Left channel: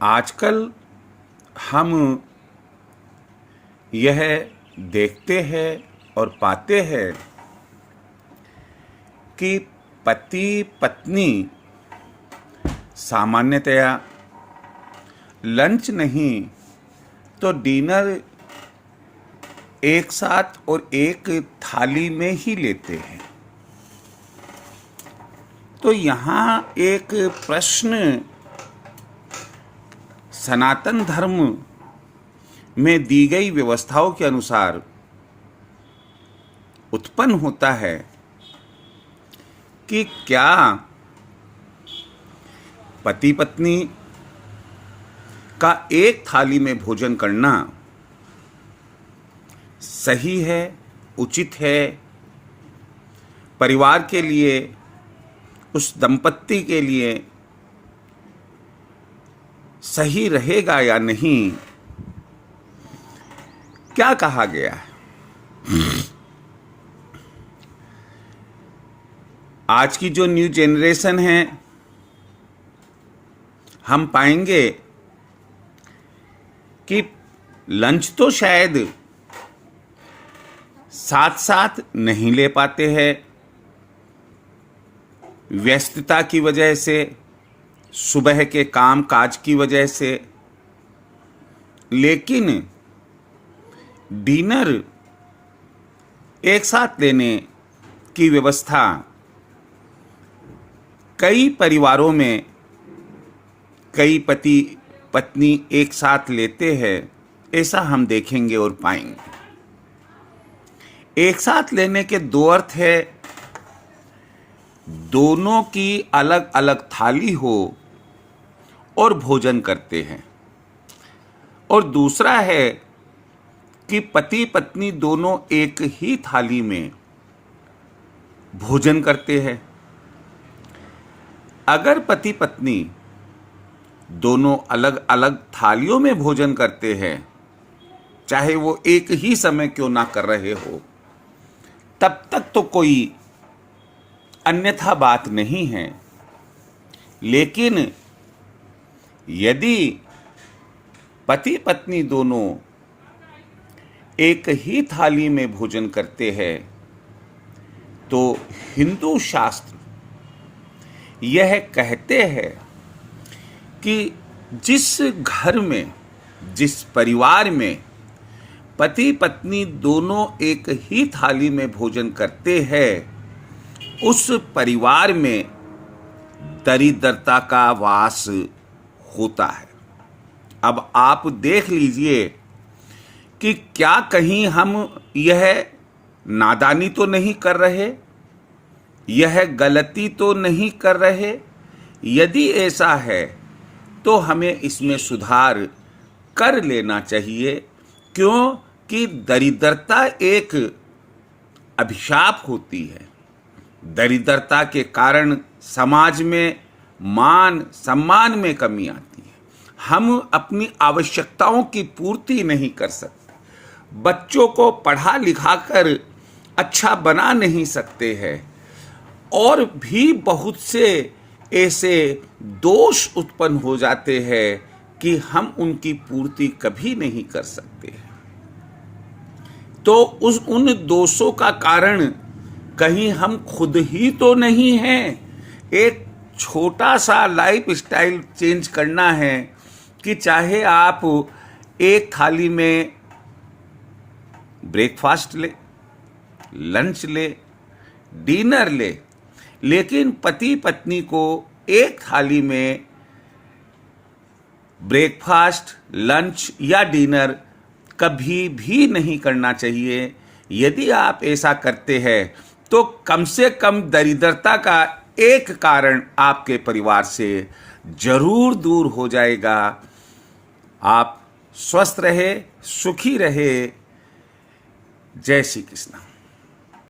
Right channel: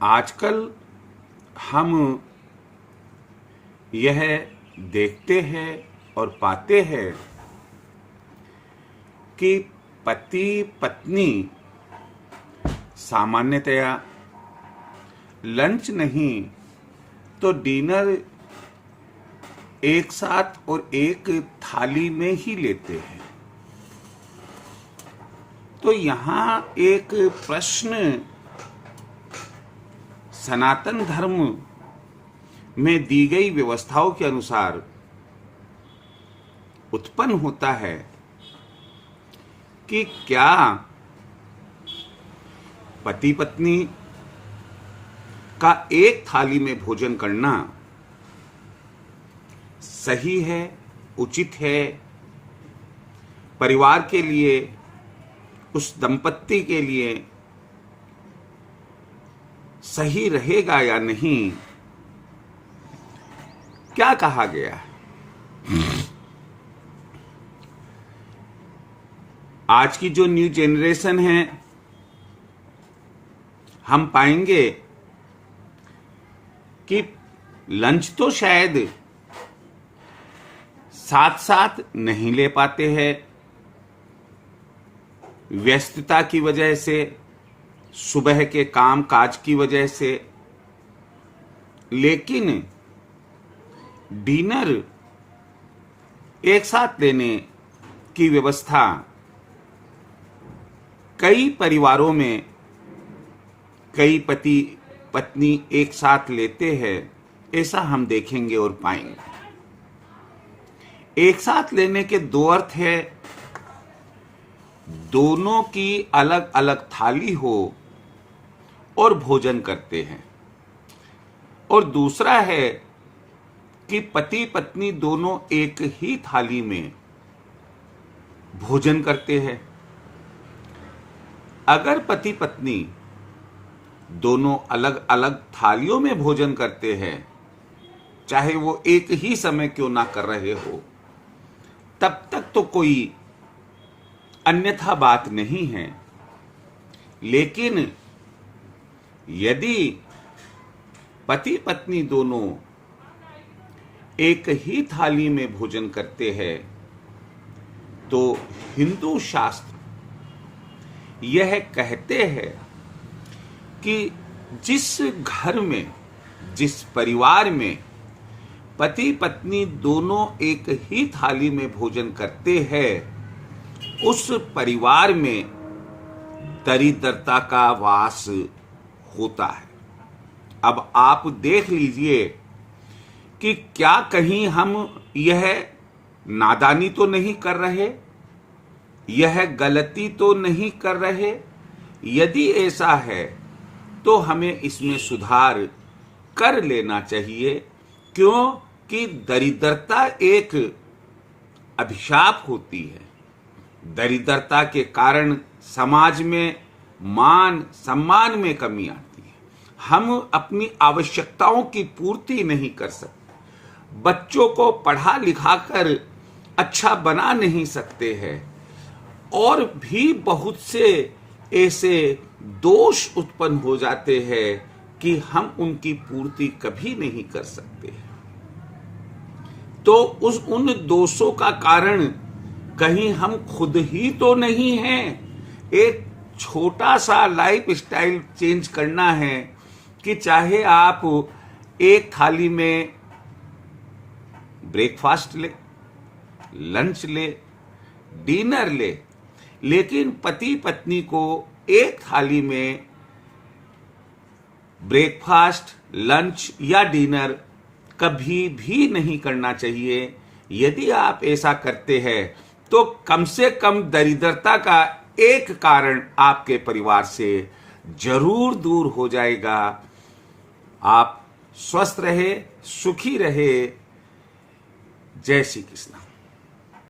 आजकल हम यह देखते हैं और पाते हैं कि पति पत्नी सामान्यतया लंच नहीं तो डिनर एक साथ और एक थाली में ही लेते हैं। तो यहाँ एक प्रश्न सनातन धर्म में दी गई व्यवस्थाओं के अनुसार उत्पन्न होता है कि क्या पति पत्नी का एक थाली में भोजन करना सही है, उचित है, परिवार के लिए, उस दंपत्ति के लिए सही रहेगा या नहीं, क्या कहा गया है? आज की जो न्यू जनरेशन है, हम पाएंगे कि लंच तो शायद साथ साथ नहीं ले पाते हैं, व्यस्तता की वजह से, सुबह के काम काज की वजह से। लेकिन डिनर एक साथ लेने की व्यवस्था कई परिवारों में कई पति पत्नी एक साथ लेते हैं, ऐसा हम देखेंगे और पाएंगे। एक साथ लेने के दो अर्थ है, दोनों की अलग अलग थाली हो और भोजन करते हैं, और दूसरा है कि पति पत्नी दोनों एक ही थाली में भोजन करते हैं। अगर पति पत्नी दोनों अलग अलग थालियों में भोजन करते हैं, चाहे वो एक ही समय क्यों ना कर रहे हो, तब तक तो कोई अन्यथा बात नहीं है। लेकिन यदि पति पत्नी दोनों एक ही थाली में भोजन करते हैं, तो हिंदू शास्त्र यह कहते हैं कि जिस घर में, जिस परिवार में पति पत्नी दोनों एक ही थाली में भोजन करते हैं, उस परिवार में दरिद्रता का वास होता है। अब आप देख लीजिए कि क्या कहीं हम यह नादानी तो नहीं कर रहे, यह गलती तो नहीं कर रहे? यदि ऐसा है तो हमें इसमें सुधार कर लेना चाहिए। क्यों कि दरिद्रता एक अभिशाप होती है। दरिद्रता के कारण समाज में मान सम्मान में कमी आती है। हम अपनी आवश्यकताओं की पूर्ति नहीं कर सकते, बच्चों को पढ़ा लिखा कर अच्छा बना नहीं सकते हैं, और भी बहुत से ऐसे दोष उत्पन्न हो जाते हैं कि हम उनकी पूर्ति कभी नहीं कर सकते। तो उन दोषों का कारण कहीं हम खुद ही तो नहीं हैं। एक छोटा सा लाइफ स्टाइल चेंज करना है कि चाहे आप एक थाली में ब्रेकफास्ट ले, लंच ले, डिनर ले, लेकिन पति पत्नी को एक थाली में ब्रेकफास्ट, लंच या डिनर कभी भी नहीं करना चाहिए। यदि आप ऐसा करते हैं तो कम से कम दरिद्रता का एक कारण आपके परिवार से जरूर दूर हो जाएगा। आप स्वस्थ रहे, सुखी रहे। जय श्री कृष्ण।